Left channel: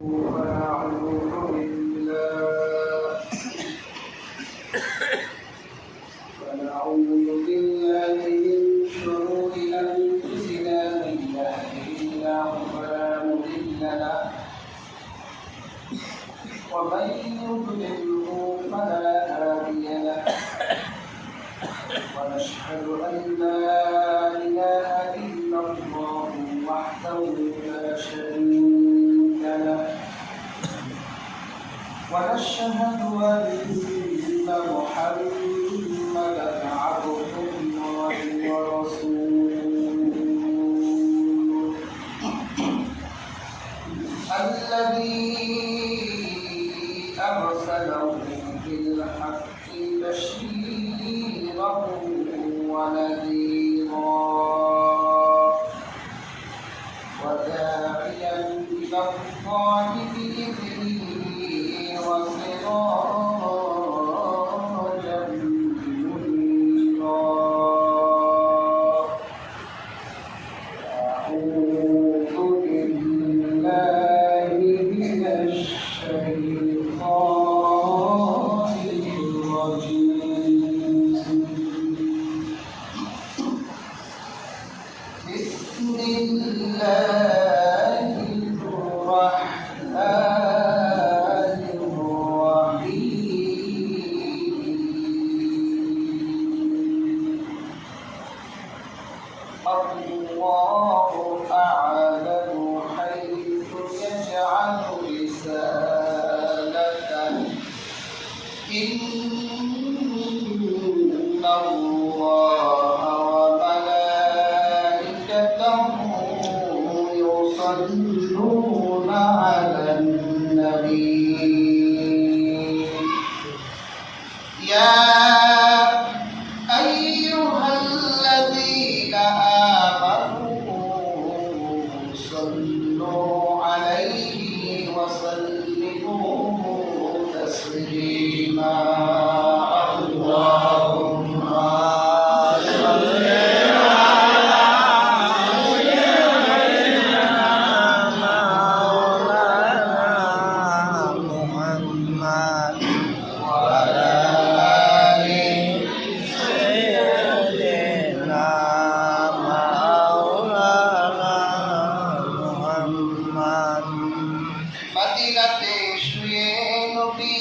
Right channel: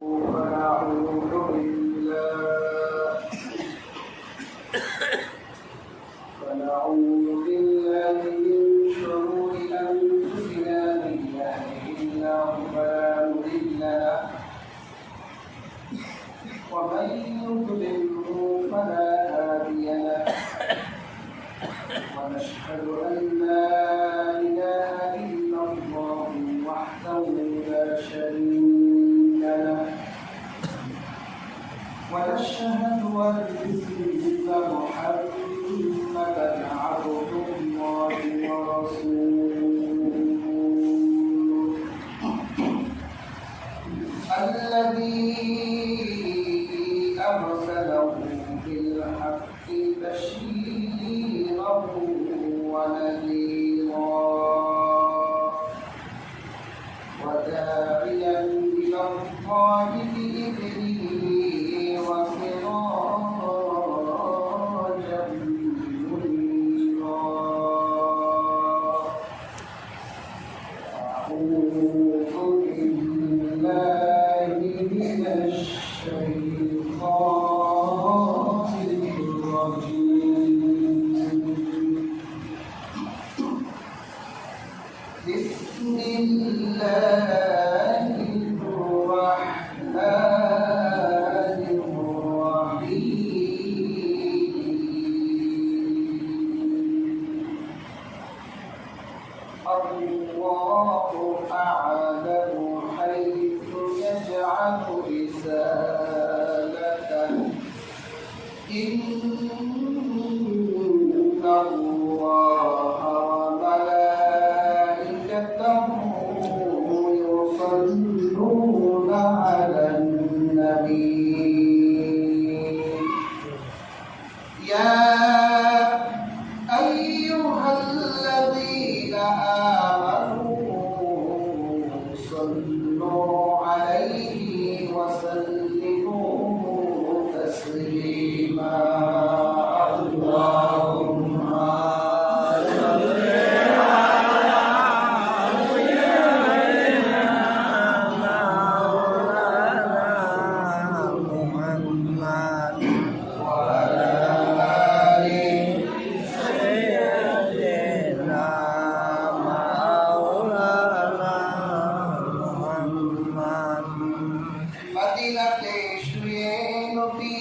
ونعوذ بالله من شرور أنفسنا من يهده الله فلا مضل له ومن يضلله فلا هادي له ونشهد أن لا إله إلا الله وحده لا شريك له ونشهد أن محمدا عبده الله ورسوله الذي أرسله بالحق بشيرا ونذيرا وداعيا إلى الله بإذنه وسراجا منيرا أعوذ بالله من الشيطان الرجيم بسم الله الرحمن الرحيم الله أعلم حيث يجعل رسالته إن الله وملائكته يصلون على النبي يا أيها الذين آمنوا صلوا عليه وسلموا تسليما اللهم صل মদিনাতে শুয়ে নবী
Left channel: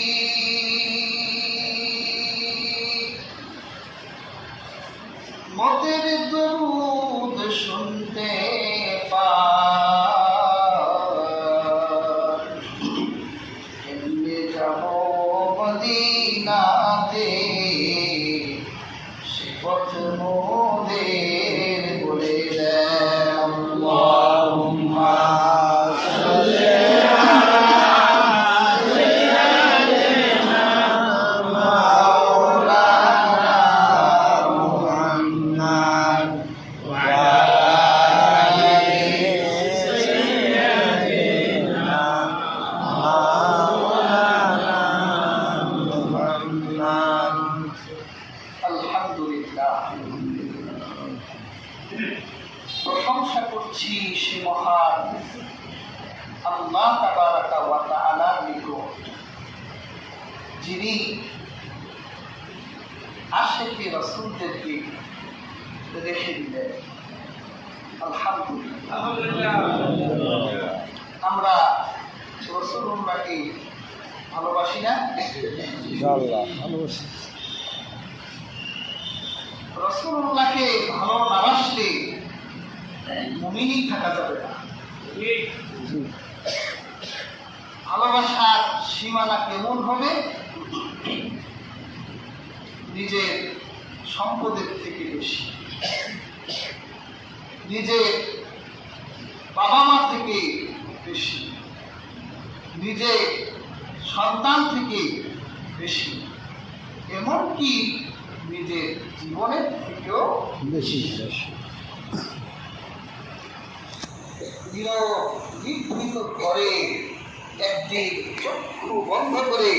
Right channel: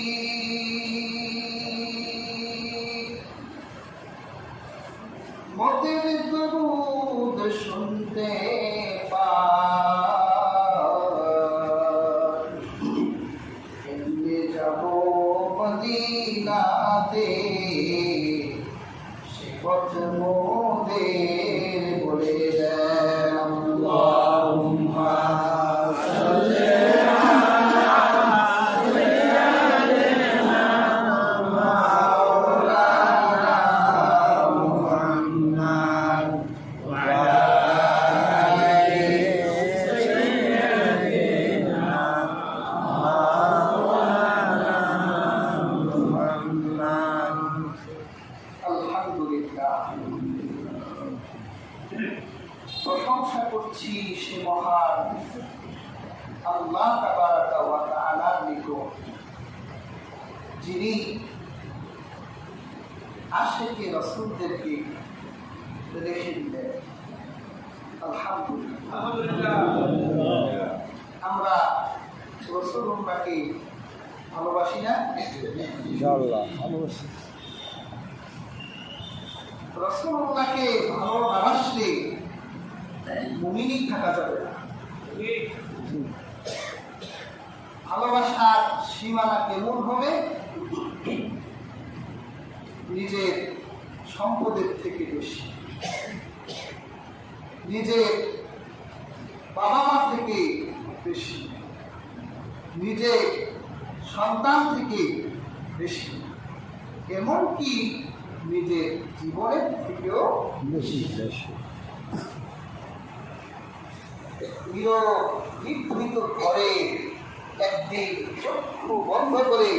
মতের দরুদ শুনতে পান কেমনে যাব মদিনাতে সে পথ মোদের বলে দেন আল্লাহুম্মা সাল্লি প্রশংসা করছি সে মহান আল্লাহ তাবারাকা ওয়া তাআলার নিকট যিনি আশিকে রাসূলদেরকে রেখে দিলেন। আলহামদুলিল্লাহ আমরা রাসূলুল্লাহকে ভালোবাসি না? ইনশাআল্লাহ রাসূলুল্লাহকে ভালো না বাসলে মুমিনই থাকা যাবে না। ভালোবাসার সীমানা কেমন হবে? নিজের সম্পদের থেকে বেশি, নিজের বাবা মা থেকে বেশি, নিজের সন্তান থেকে বেশি, এমনকি নিজের জীবনের থেকেও বেশি। নিভৃত করে একদিন চক্ষু বন্ধ করে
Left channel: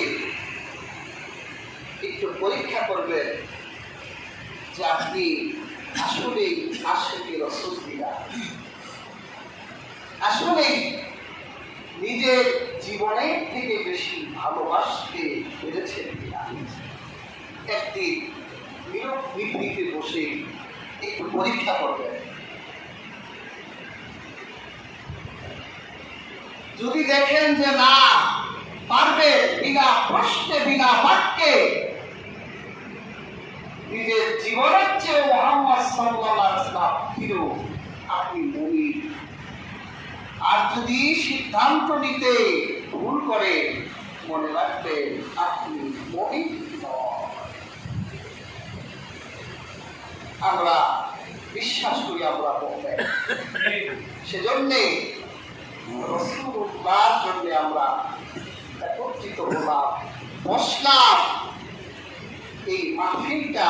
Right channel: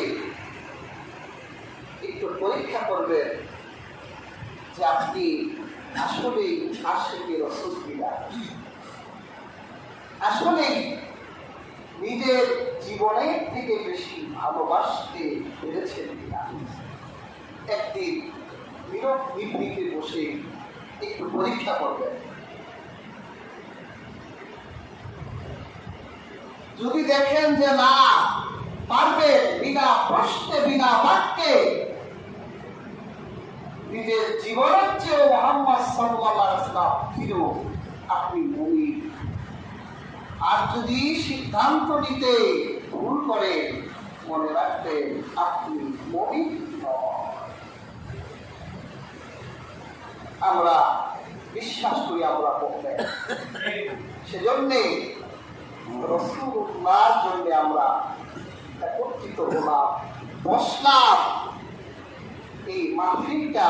একটু পরীক্ষা করবেন যে আপনি আসলে আশিকে রাসূল কিনা, আসলে নিজের জীবনের থেকে বেশি ভালোবাসতে পেরেছেন কিনা। একদিন নীরব নির্ভীকে বসে একটু পরীক্ষা করবেন। যদি দেখেন যে না পারবে, বিনা প্রশ্নে বিনা বাক্যে নিজের জীবনের চেয়ে মুহাম্মদ সাল্লাল্লাহু আলাইহি ওয়াসাল্লাম প্রিয়, আপনি মুমিন। আর যদি সিদ্ধান্ত নিতে ভুল করে, মনে রাখবেন আপনি মুমিন নন। আমরা বিশ্বাস করি আমরা মুমিন, সেজন্যে রাসূলুল্লাহর জন্য আমরা একত্রিত হলাম, বসলাম। এই মাহফিলটা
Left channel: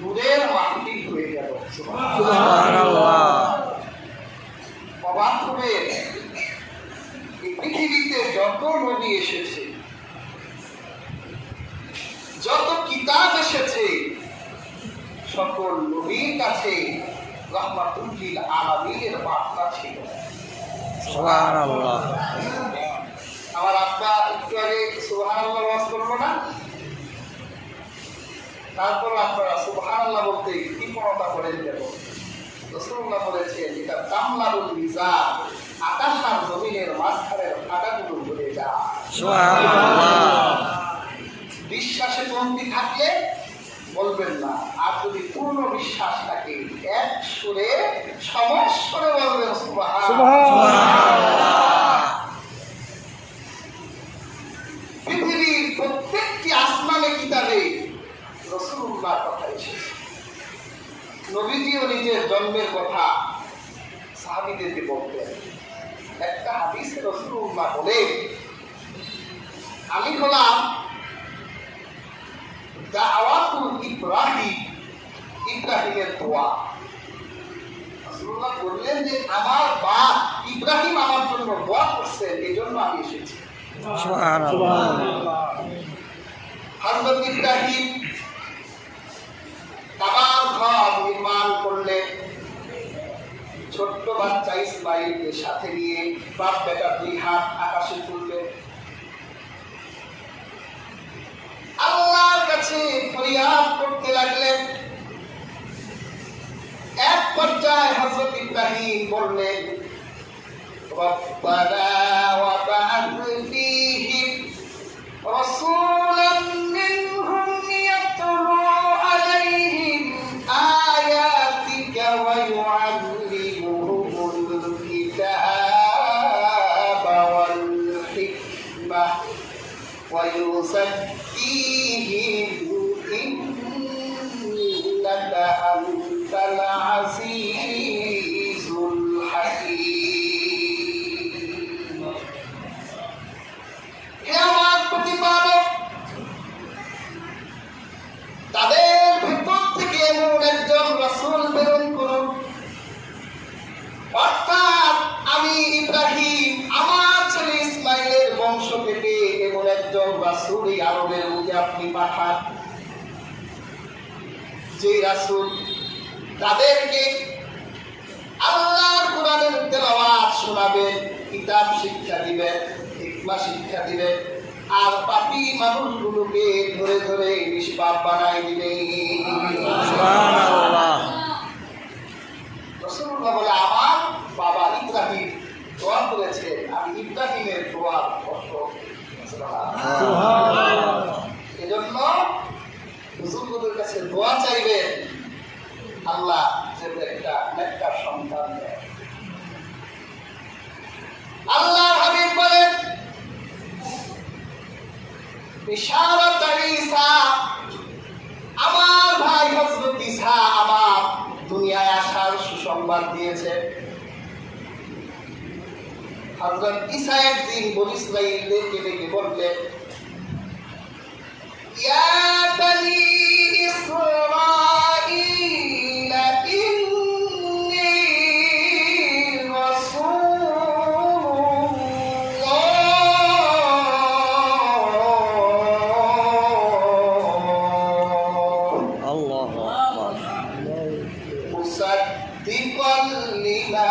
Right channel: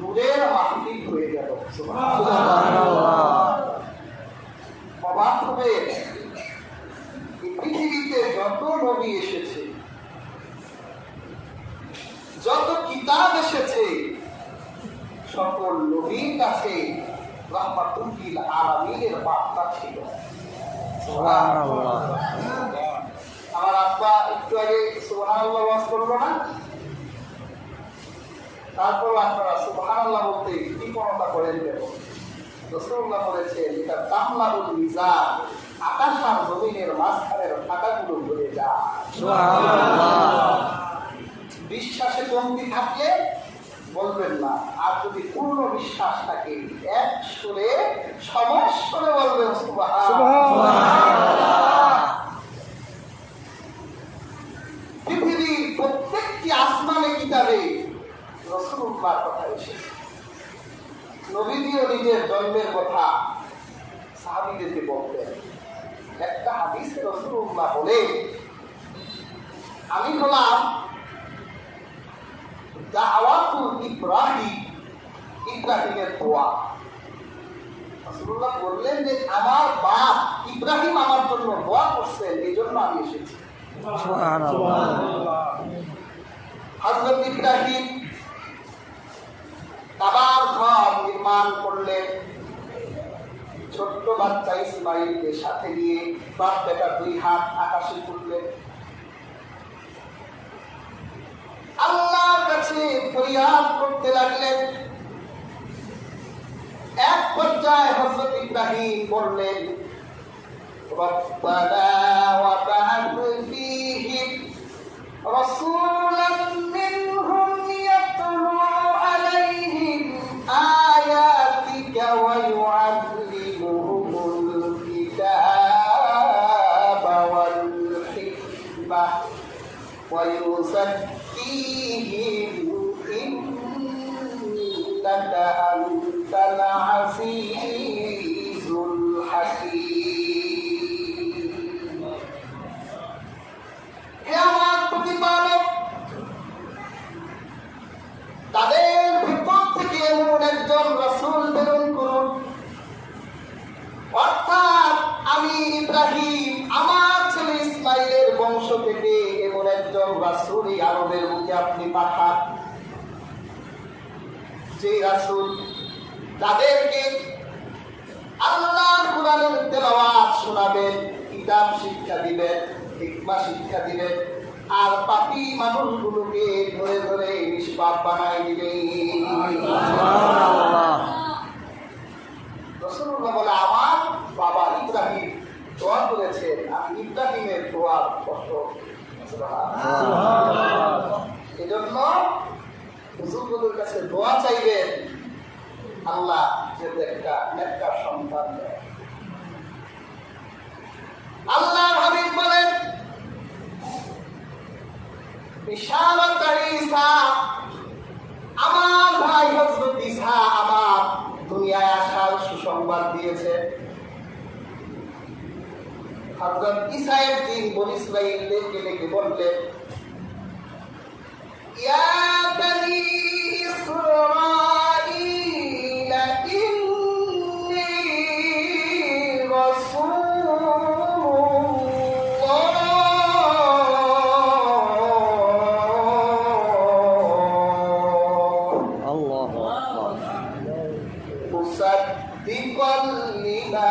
নূরের মাহফিল হয়ে গেল। সুবহানাল্লাহ। অবাক হবে, এই পৃথিবীতে যত নবী এসেছে, যত কিতাব এসেছে, সকল নবীর কাছে রাহমাতুল লিল আলামিনের বার্তা ছিল। সুবহানাল্লাহ। আমার আব্বা একটু আগে সুবহানাল্লাহ ওয়াজ করলো না? তারপর আপনারা সুবহানাল্লাহ বলতে কৃপণতা করে দিলেন। রাসূলুল্লাহ বলেছেন, এটা তামলাউল মিজান, আকাশ আর জমিনের মাঝখানের ফাটাগুলো ভরে যায়। সুবহানাল্লাহ। বিশ্বাসে কমতি থাকলে বলবেন না, আর যদি পূর্ণ বিশ্বাস থাকে এক সুরে সমস্বরে বলবেন সুবহানাল্লাহ। পৃথিবীর প্রত্যেকটি আসমানে কিতাবে রাসূলুল্লাহর কথা এসেছে। নবীজিও নিজের জন্মের কথা সাহাবীদেরকে বলতেন। একটা হাদিসে রাসূলুল্লাহ বলেন, আমি হলাম দাওয়াতুল ইব্রাহিম, ইব্রাহিমের দোয়া। রাসূলুল্লাহ বললেন যে আমার বাপ ইব্রাহিম আমার জন্য দোয়া করছেন, এই জন্য আমি এসেছি। সুবহানাল্লাহ। হযরত ইব্রাহিম কাবার ঘর নির্মাণ করলেন, ছোট্ট বাচ্চা ইসমাইলকে সাথে নিয়ে বাপ বেটা দুই হাত আকাশে তুললেন, আল্লাহর কাছে ফরিয়াদ করতে লাগলেন। এক পর্যায়ে হযরত ইব্রাহিম বললেন, রব্বানা ওয়া বা'আথ ফীহিম রাসূলান মিনহুম ইয়াতলু আলাইহিম আয়াতিকা ওয়া ইউআল্লিমুহুমুল কিতাবা ওয়াল হিকমাহ ওয়া ইউযাক্কিহিম ইন্নাকা আনতাল আজিজুল হাকীম। হে আমার প্রতিপালক, তাদের ভিতর থেকে এমন একজন রাসূল প্রেরণ করুন, অর্থাৎ আমি ইব্রাহিম আমার ছেলে ইসমাইলের বংশ থেকে এমন একজন রাসূল এই আরবের মধ্যে আপনি পাঠান, যে রাসূল তাদেরকে আল্লাহর কোরআনের তেলাওয়াত শোনাবেন, কিতাব শিক্ষা দিবেন, হিকমা শিক্ষা দিবেন, আর পাপী মানুষগুলোকে ধরে ধরে নিষ্পাপ বানাই দিবেন। সুবহানাল্লাহ। রাসূলুল্লাহ বলে, আমার বাবা ইব্রাহিম দোয়া করেছেন, আমি ইব্রাহিমের দোয়ার পত্র। এজন্য হুজুরদের কাছে দোয়া চাইবেন, আল্লাহ যেন একটা নেককার সন্তান দেয়। আল্লাহর হাবিব বলেন, বিশারত ঈসা, আমার ভাই হযরত ঈসা আমার দুনিয়ায় আসার সুসংবাদ দিয়েছে। হযরত ঈসা একদিন বনী ইসরাঈলদেরকে ডেকে বললেন, ইয়া বনী ইসরাঈল ইন্নী রাসূলুল্লাহ আল্লাহু আকবার। মুসাদ্দিকাল লিমা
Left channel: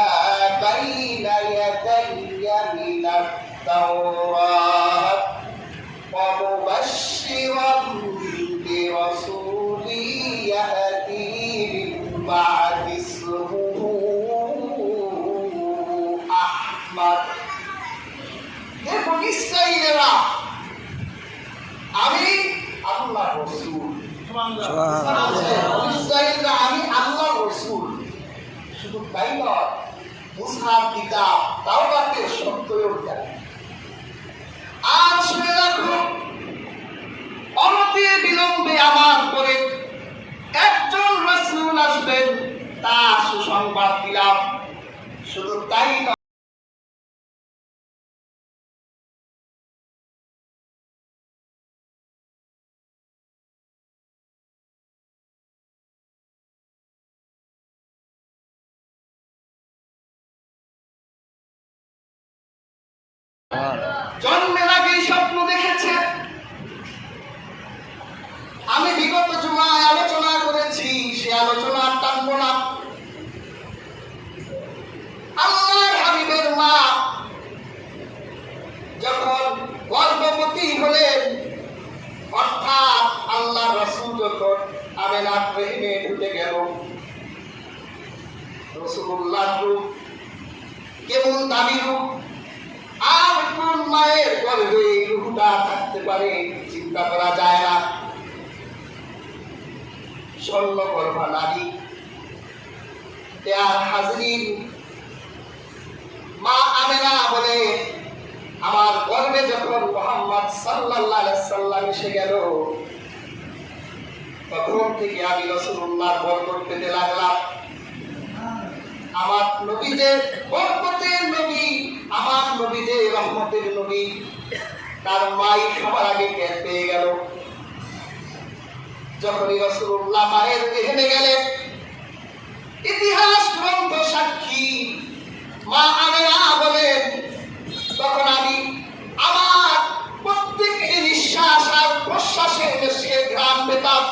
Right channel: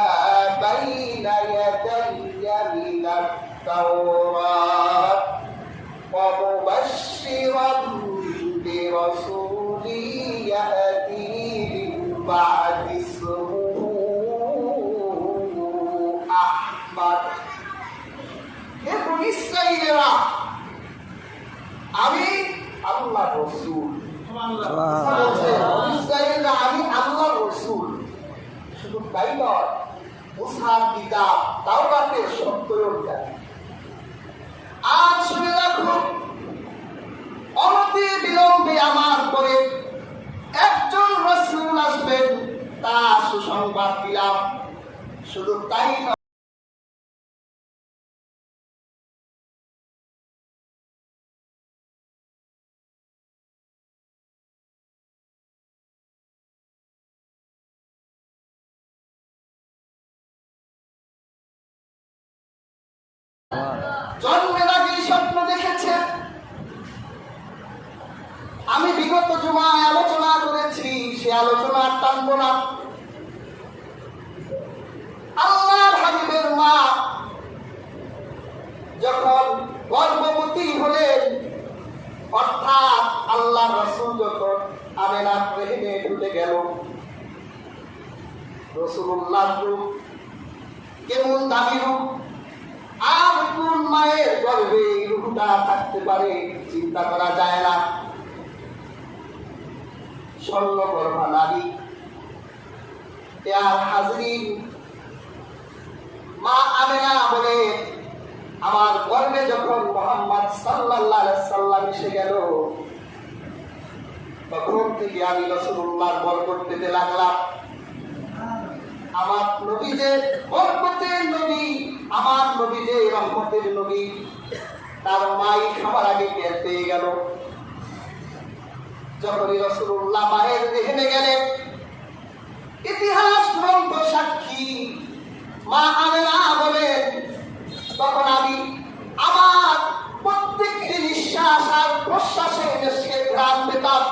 বাইনা ইয়াদাইয়া মিনাত ইসরাইলেরা আমি আল্লাহর রাসূল। ইসরাইলরা আমি আল্লাহর রাসূল। শুধু তাই নয়, মুসার কিতাব তাওরাতের সত্যও জানে। আর শুনে রাখো, অনতি বিলম্বে আমার পরে একজন রাসূল আসবেন, তার সুসংবাদ দিলাম। শুধু তাই নয়, জন্মের আগেই স্বপ্ন দেখেছে। আমি বিগত জুমায় আলোচনা করেছি, সে আলোচনা টানবো না। আল্লাহর হাবিবের মা যখন গর্ভবতী হলেন, অর্থাৎ আল্লাহর রাসূল যখন আমেনার রহিমে ঢুকে গেল, রাসূলুল্লাহর রূপ কেমন দামি রূপ, আর কোন মায়ের গর্ভে রূহটা থাকতে পারে চিন্তা করা যায় না। স্বর্ণগর্ভা নারী। আর হাজরিন, মা আমেনা বলে, আমার গর্ভে যখন মুহাম্মদ সাল্লাল্লাহু আলাইহি সাল্লাম এসে গেল, তখন থেকে আমি রাসূলুল্লাহর বরকত পেতে লাগলাম। আমার নবীদের বরকতের নবী, আমার নবীদের রহমতের নবী, তার মাই সবার আগে টের পেয়ে গেল। যখনই রাসূলুল্লাহ মায়ের রেহেমে গেলেন, ইতিহাস গ্রন্থ সাক্ষী, মা আমেনা বলেন, তখন আমি আমার প্রত্যেকটি নিঃশ্বাস আর প্রশ্বাসের মেশকের ঘ্রাণ পেতাম।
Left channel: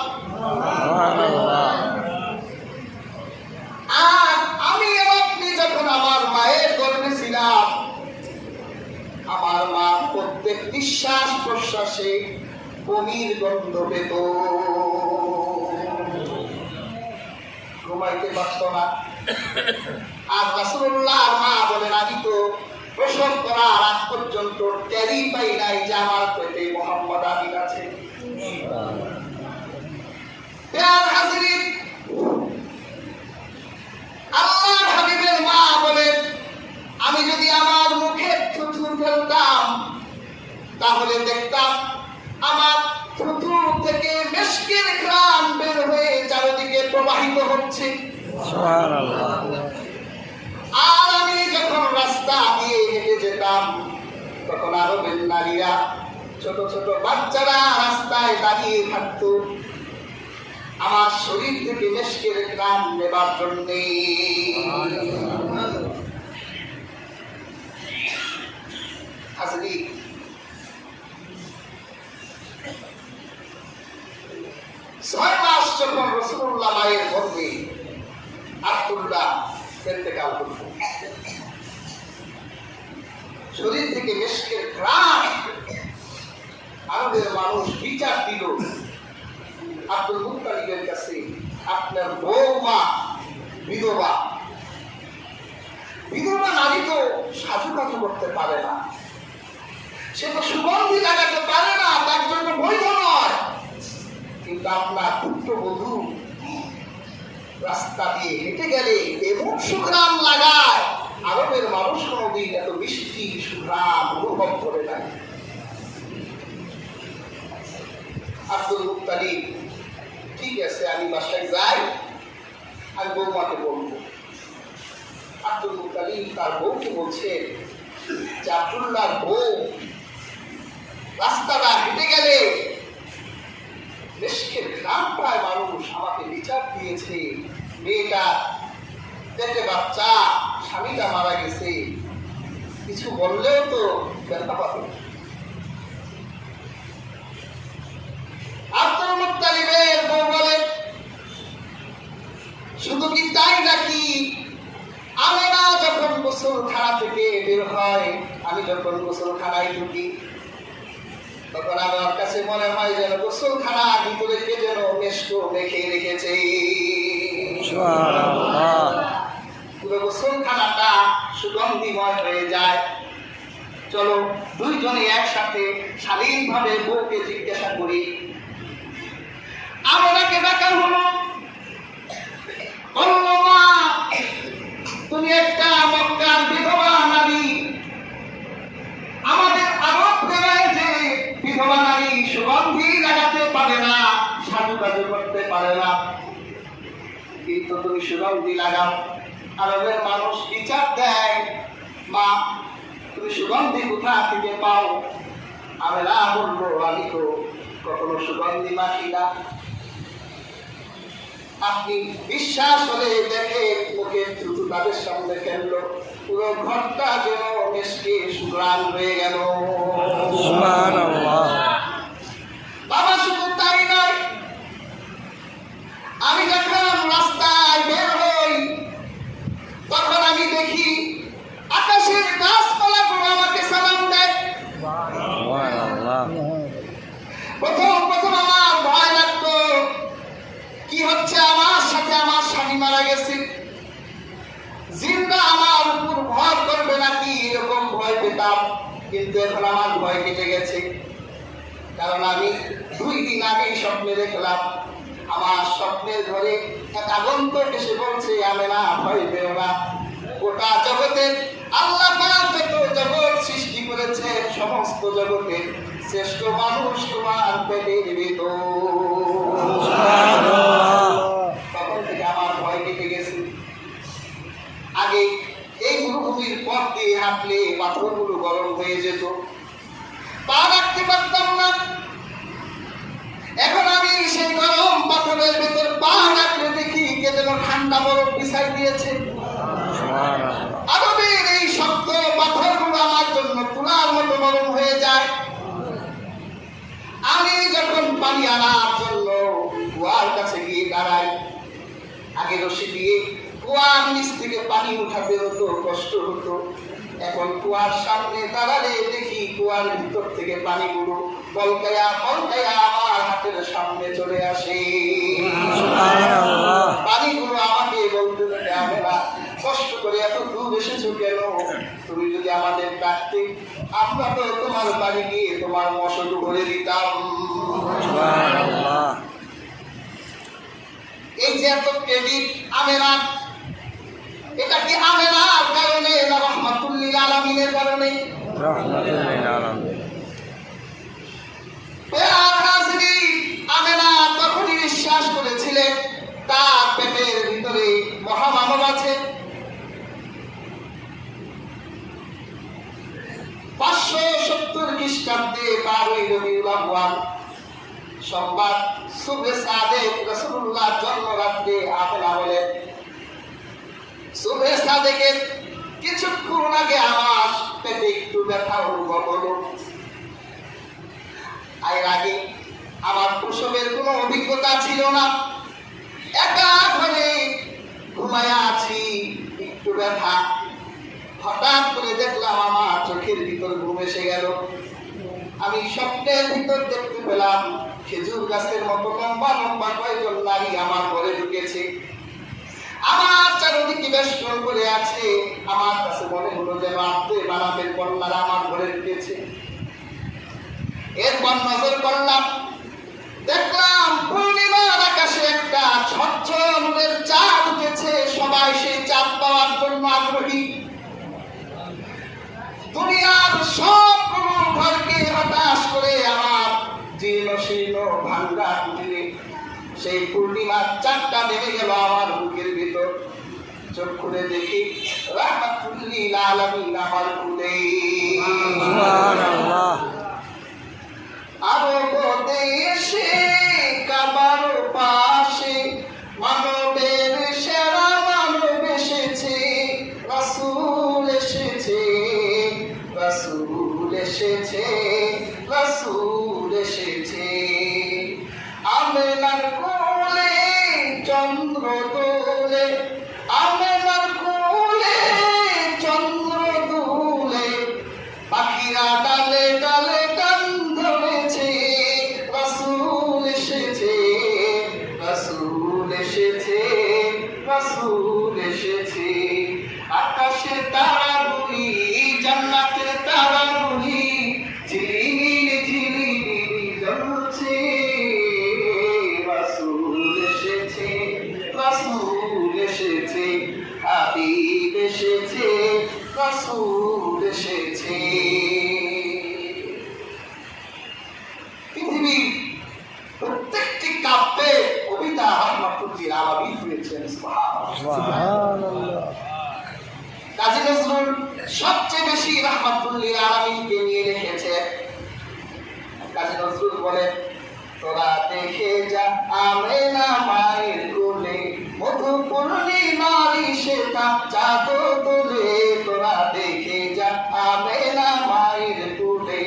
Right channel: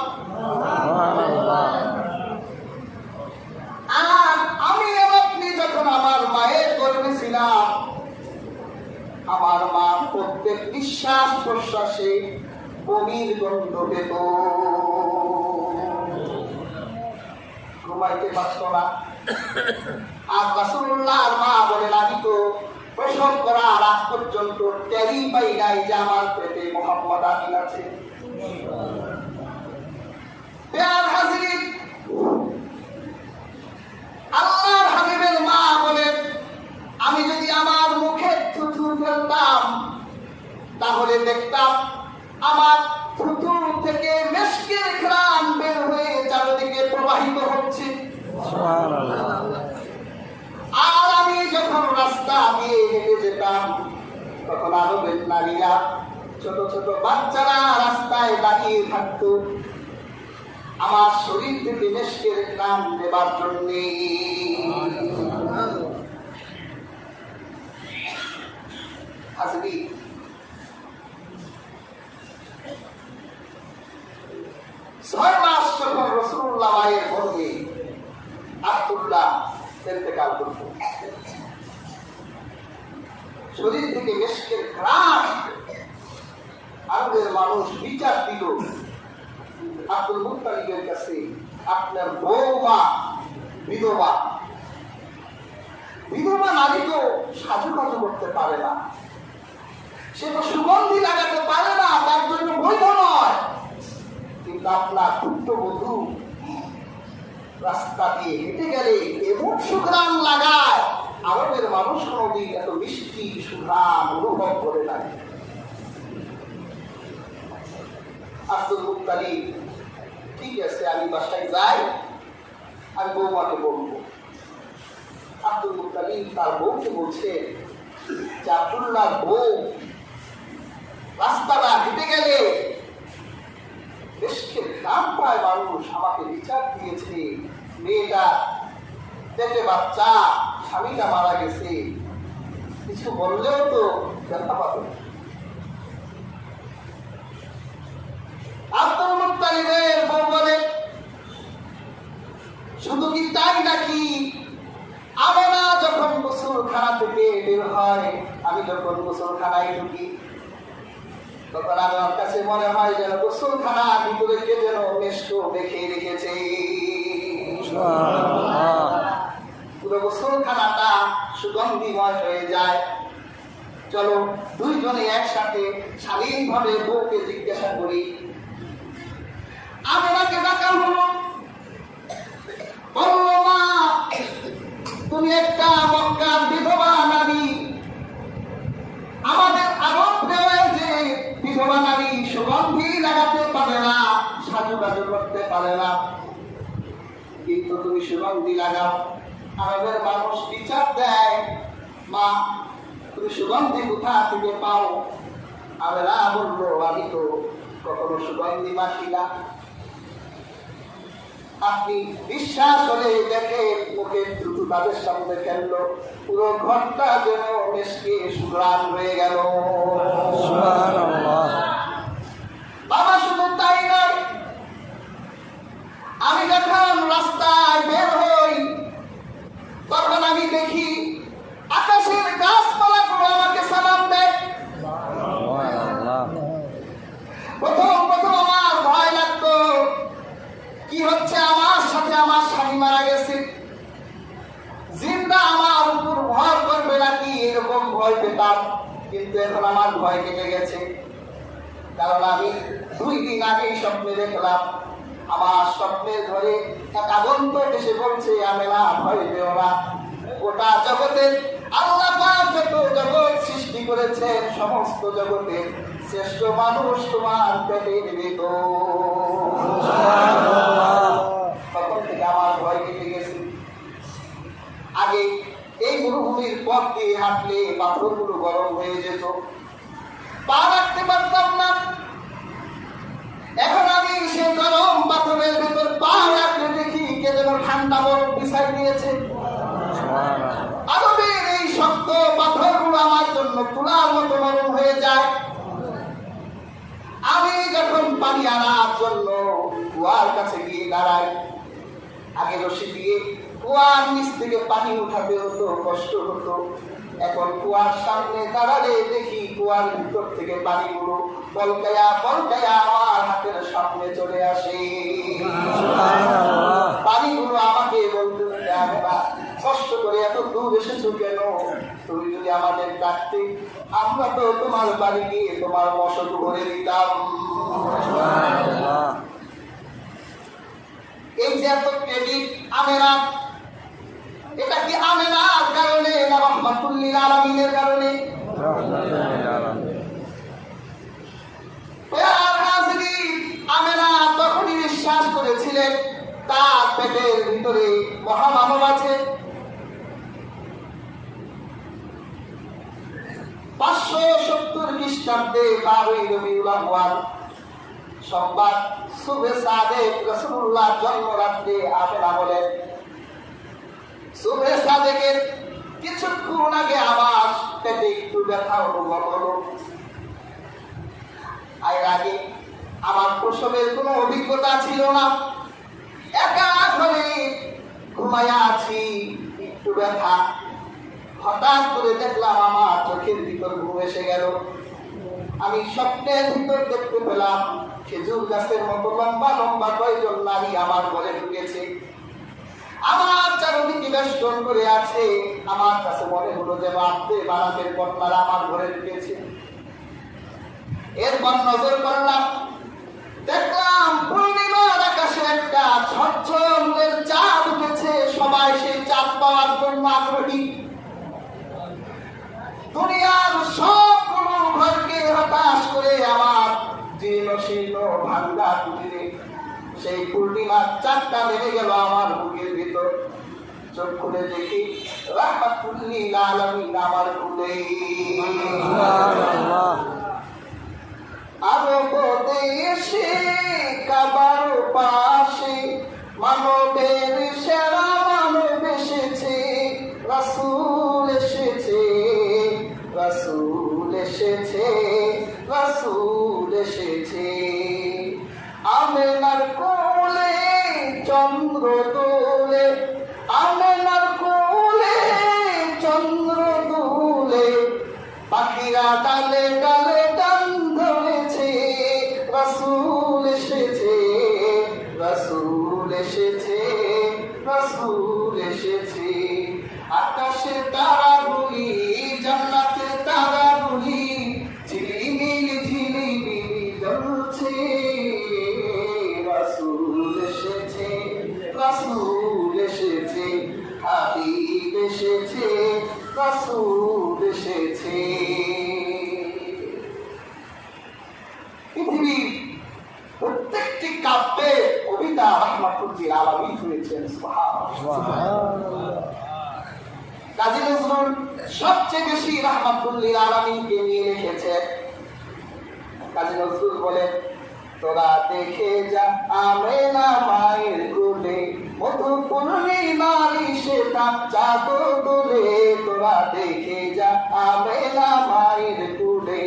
আর আমি আপনি যখন আমার মায়ের গর্ভে ছিলাম, আমার মা প্রত্যেক নিঃশ্বাস প্রশ্বাসে বমির গন্ধ পেত, ঘুমাইতে পারত না। আর রাসূলুল্লাহর মা বলেন, আমি তো প্রসব করার আগ পর্যন্ত টেরই পাই নাই যে আমার পেটে মুহাম্মদ আমিন আছে। হাজিরিন, আল্লাহর হাবিবের মা বলেন, আমি যদি আমার মুখে থুথু ফেলতাম, তাহলে দেখতাম আমার থুথু থেকে মিশকের ঘ্রাণ বের হয়ে চারদিকে প্রবাহিত হচ্ছে। সুবহানাল্লাহ। আর আমি যখন রাস্তা দিয়ে হেঁটে যেতাম, তখন আরবের নারীরা, ছোট ছোট বাচ্চারা রাস্তায় দাঁড়িয়ে থাকতো আমার শরীর থেকে মিশকের ঘ্রাণ নেবার জন্যে। হাজরিন, 6 মাস যখন রাসূলুল্লাহ মায়ের গর্ভে আব্দুল্লাহ ইন্তেকাল করত, শরীর থেকে মিশকের ঘ্রাণ, আরবের মানুষ বিচার দিল আব্দুল মুত্তালিবের কাছে, আপনার বৌমা বিধবা, বিধবা নারী তো সাজুকাজু করতে পারে না, সে তো সুগন্ধি লাগাতে পারে না, তার জন্য বৈধ নয়। কিন্তু আপনার পুত্রবধূ রাস্তা দিয়ে হেঁটে গেলে এমন সুঘ্রাণ লাগায়, আরবের মানুষ কোনোদিন এত মিষ্টি সুঘ্রাণ অনুভব করে না। আব্দুল মুত্তালিব, ঠিক আছে, আমি বাসায় যাই, আমি বৌমাকে বলবো। আব্দুল মুত্তালিব তার বউকে বলছে যে, আব্দুল্লাহর বউ রাস্তাটা হেঁটে গেলে দেশকে গ্রাম পায় মানুষ, আমাকে বিচার দিয়েছে, মেয়েটা পেটে বাচ্চা, স্বামীটা মারা গেছে, কিছু বললেও তো ব্যথা পাবে। আব্দুল মুত্তালিবের বউ বলে, শুধু কি তাই নাকি, আমেনা যখন গোসলখানা থেকে বের হয়, আমি যখন গোসলখানায় ঢুকি, তখন আমার কাছে মনে হয় যেন গোসলখানা ভিতরে কে যেন মেশক দেখে রেখেছে। পুরো গোসলখানাটা সুগন্ধিময় হয়ে যায়। চলো দুইজনে একসাথে স্বাধীনভাবে বউকে জিজ্ঞাসা করি। আমেনাকে ডাকা হলো, বলল মা তুমি একটা মক্কার বিধবা নারী, আমাদের আরব দেয় যে বিধবা নারী সুগন্ধি লাগাতে পারে না, সাজুগাজু করতে পারে না, কিন্তু তুমি সুগন্ধি লাগাও। আরবের মানুষ বিচার দেয়, মা তুমি সুগন্ধি কোথা থেকে পাও? আমেনা বললো আমি তো কখনো সুগন্ধি মাখি না। আপনি বিশ্বাস হলে দেখে মুখে থুতু তাদের সামনে ফেললো, পুরো ঘরটা যেন মেশকে সুগ্রাণ হয়ে গেল। সুবহানাল্লাহ। বাবা শুধু তাই নয়, আমি যখন রাস্তায় বের হই তখন আমি দেখি আকাশের গাছপালাগুলো আমাকে সালাম দেয়। সুবহানাল্লাহ। প্রথম আমার ভয় লাগতো, কি হচ্ছে আমার সাথে? আমার স্বামী মারা গেছে, জিন্দা আমার উপর ভয় করবে নাকি, এরকম ভয় পেতাম। কিন্তু এখন আমার ভয় কেটে গেছে, কারণ আমি 2 দিন আগেই স্বপ্নে দেখলাম, আমার স্বপ্নের ঘরে এক আগন্তুক এসে বলছে আমেনা ভয় পেও না, গোটা জগতের আল্লাহ পাক যত জগৎ সৃষ্টি করেছে সমস্ত জগতের শ্রেষ্ঠ মানুষ তোমার পেটের ভিতর। সুবহানাল্লাহ। তখন থেকে আমার ভয় কেটে গেছে। আগে এই মরুভূমির পথ দিয়ে হাঁটলে পাথরগুলো গরম হয়ে যেত, পা রাখতে পারতাম না। এখন আমি সেই গরম পাথরের ভেতর পা রাখলে দেখি কে যেন ঠান্ডা বরফ বিছাই দিয়েছে। সুবহানাল্লাহ। আরবের এই শক্ত পাথরগুলো আমার জন্য তুলার মতো নরম হয়ে যায়। আমি যখন পানি আনার জন্য কুয়ার কাছে গিয়ে দাঁড়াই, আগে রশি দিয়ে কুয়ার নিচ থেকে পানি উঠাতে হতো, কষ্ট হতো। এখন কুয়ার সামনে দাঁড়ালে দেখি কুয়ার ভিতর থেকে পানিগুলো পলকায়া পলকায়া আমার হাতের সামনে চলে আসে। সুবহানাল্লাহ। পানিগুলো আমাকে বলতে হবে না, কষ্ট করে এত দূর এসেছো কেন? তুমি যদি আমাদের ডাকতে আমরা তো তোমার বাড়ি গিয়ে তোমার মশল ভরে দিতাম। সুবহানাল্লাহ। এই যে এত ক্রেডিট আমেনা, এটা কি আমেনার কারণে না রাহমাতুল লিল আলামিনের কারণে? রাহমাতুল লিল আলামিন। আমেনা তখনই বিশ্বাস করেছিলেন তার পেটের ভিতরে মহামানব আছে। 570 খ্রিস্টাব্দে 12ই রবিউল আউয়াল সোমবার সুবহে সাদেক রাসূলুল্লাহ জন্মরাত্রে আমেনা বলেন, সুবহে সাদেকের কিছুক্ষণ আগে আমার পেটে একটু ব্যথা অনুভব হলো। এর আগে আমার প্রসবের কোনো অভিজ্ঞতা ছিল না, একা ঘরে ঘুমায়া আছি, একটু ব্যথা। হঠাৎ করে দেখলাম আমার চোখের ভিতর ঘুম এসে গেল। আমি স্বপ্নের ভিতর দেখতে পেলাম খেজুর গাছের মতো লম্বা লম্বা কয়েকজন নারী আমার ঘরে ঢুকেছে, আমার চারদিকে বেষ্টন করে আছে। আমার কাছে মনে হলো যেন আত্মে বানাতের কন্যারা আমার ঘরে ঢুকেছে। এরপর নজর করলাম, দেখলাম পূর্ণিমার আকাশে একটা ঝলঝলের চাঁদ উঠেছে। সবাই সেই চাঁদ পাওয়ার জন্য আগ্রহী। দুনিয়ার সবগুলো ঘরকে হতাশ করে আমার জীর্ণ শীর্ণ ভাঙ্গা কুটিরে সেই পূর্ণিমার চাঁদটা নেমে গেল আমার বুকের ভিতর। চোখ খুলে দেখি রাহমাতুল লিল আলামিন আমার কুলে। সুবহানাল্লাহ। আরব দেশে কাবার পাশে মানবের সেরা মানব এসেছে, রাসূল এসেছে, রাসূল এসেছে, রাসূল এসেছে। আমেনার কোলে চন্দ্র দোলে, আমেনার কোলে চন্দ্র দোলে, পাখিরা ডালে ডালে গান ধরেছে। রাসূল এসেছে, রাসূল এসেছে, রাসূল এসেছে। আকাশে তারাগুলি জান্নাতের তারাগুলি সুবহানাল্লাহ। কাজী নজরুল সবচেয়ে বেশি রাহমাতুল্লিল আলামিনকে নিয়ে লিখেছেন। কাজী নজরুল বলেন, তোরা দেখে যা আমেনা মায়ের কোলে, মধু পূর্ণিমারি শ্বেতা চাঁদ দোলে। তোরা দেখে যা আমেনা মায়ের কোলে,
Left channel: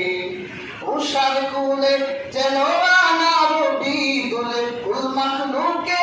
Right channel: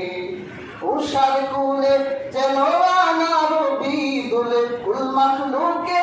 উষার কুলে যেন রানা রবি দোলে। ফুল মাখলুকে